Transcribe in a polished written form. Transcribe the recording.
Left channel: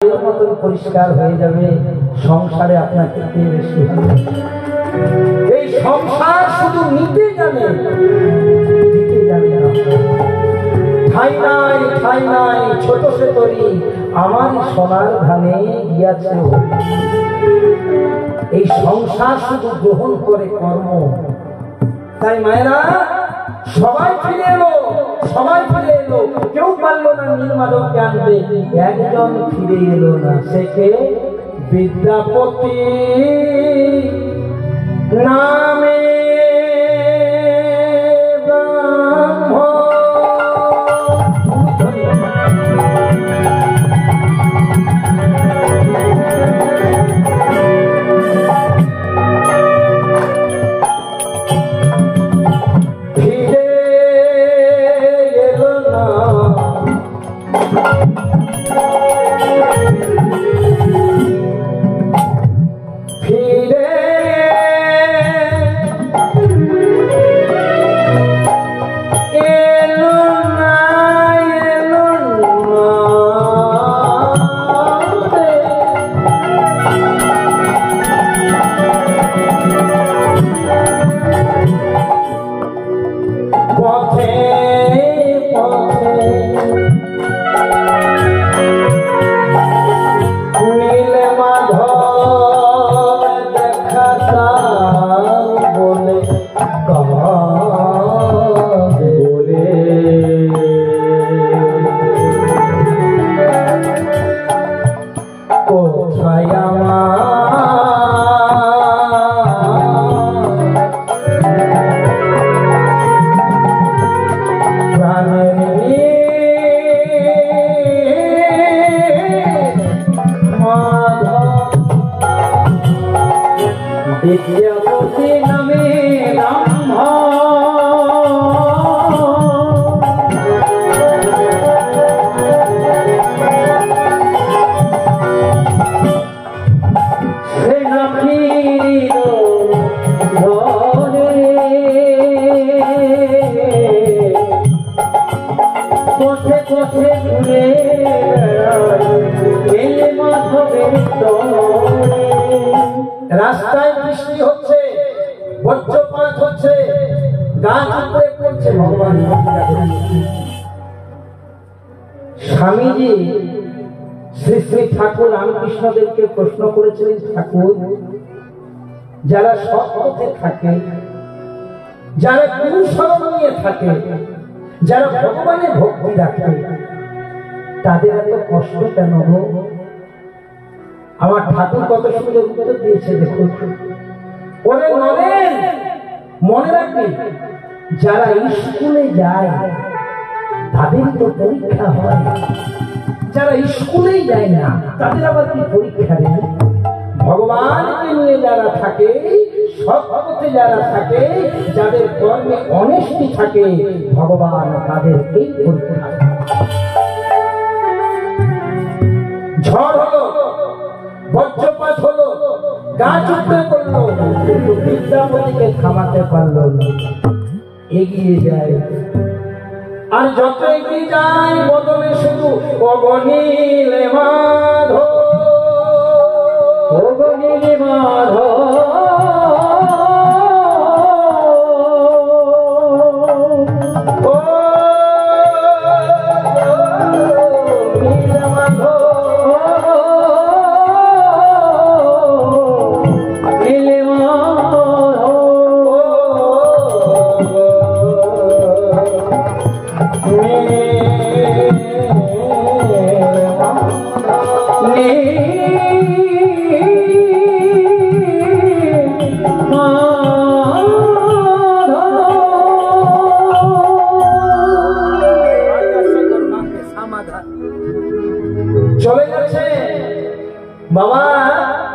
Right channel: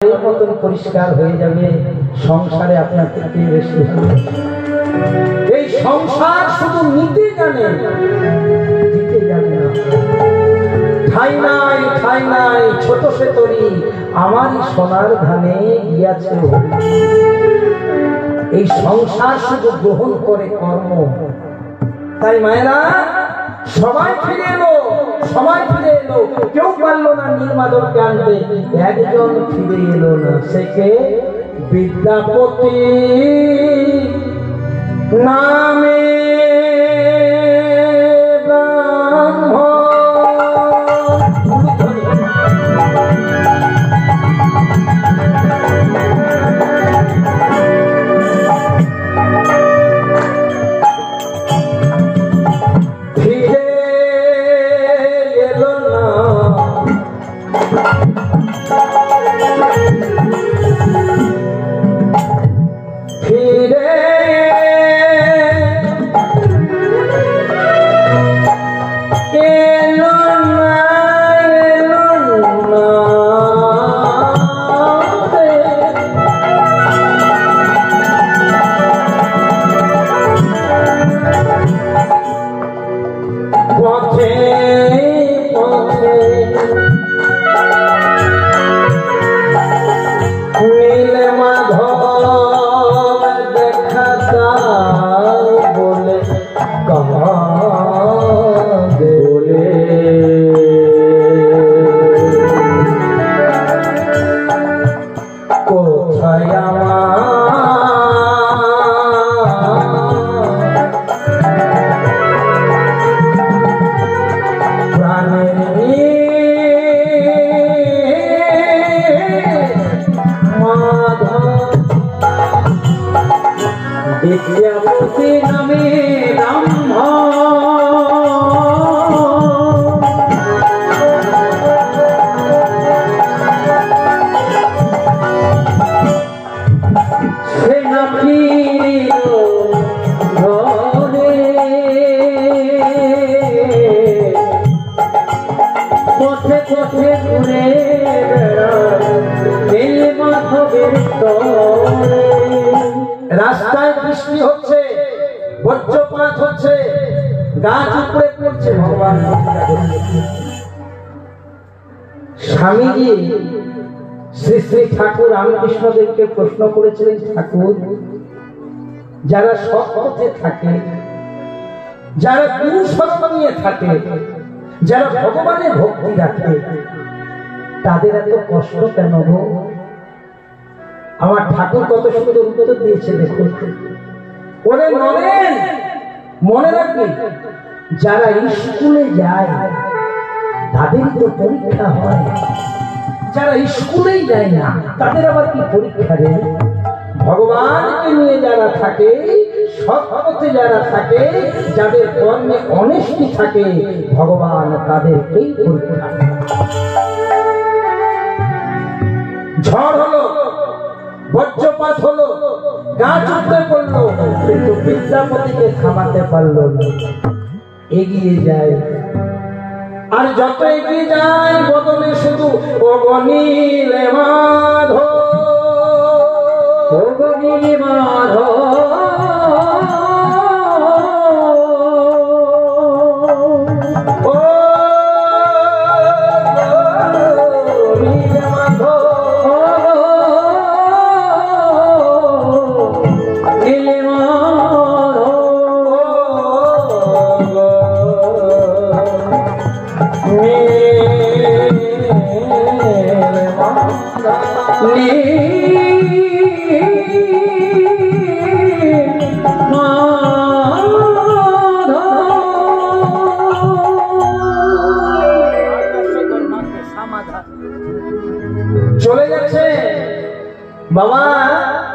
মতন পরিষ্কার হয়ে যাবে, সংসারে আপনার থেকে বেশি হবে। এই সংসার শুধু নিতে জানে, দিতে জানে না। ঠাই নাই ঠাই নাই ছোট সে তরি আমারই সোনার ধানে গিয়াছে। এই সংসার শুধু গ্রহণ করে কর্ম। তাই মায়েরা সবাই ফিরে এলো, সবাই ফিরে এলো, কেউ পারলো না নীলমাধবকে আনতে। একজন ফিরে এলো না, সে কে? বিদ্যাপতি নামে রাস্তায় বৃষ্টি হচ্ছে, বজ্রপাত হচ্ছে, গাছ উপরে পড়ছে। ভগবান স্বামীজি শ্রী শ্রী ঠাকুর রামকৃষ্ণদেবকে প্রশ্ন করেছিলেন, ঠাকুর যারা সৎ পথে থাকে, যারা গুরু শরণ নিয়ে থাকে, যারা ভগবানের ভক্তি রাখে, তাদের এত কষ্ট কেন গো? আমার ঠাকুর কত সুন্দর উত্তর দিয়েছে, দেখুন। ওরে নরেন, মনে রাখবে, যারা স্কুলে যায় তাদের তো পরীক্ষা হয়, যারা স্কুলেই যায় না তাদের আবার কি পরীক্ষা দেয়? ভগবানকে নিয়ে যারা থাকে, সৎ পথে যারা থাকে, যাদের কর্মে অনেস্টি থাকে, ভগবান তাদেরকেই পরীক্ষা। ঝড় হলো, বজ্রপাত হলো, গাছ উঠতে পড়লো, কিন্তু বিদ্যাপতিকে থামাতে পারলো না। এগিয়ে যায়, আর যত এগিয়ে যায় বদলে শুধু অগণিলে মাধব, অগণিলে মাধব। চলে যাচ্ছে বাবা,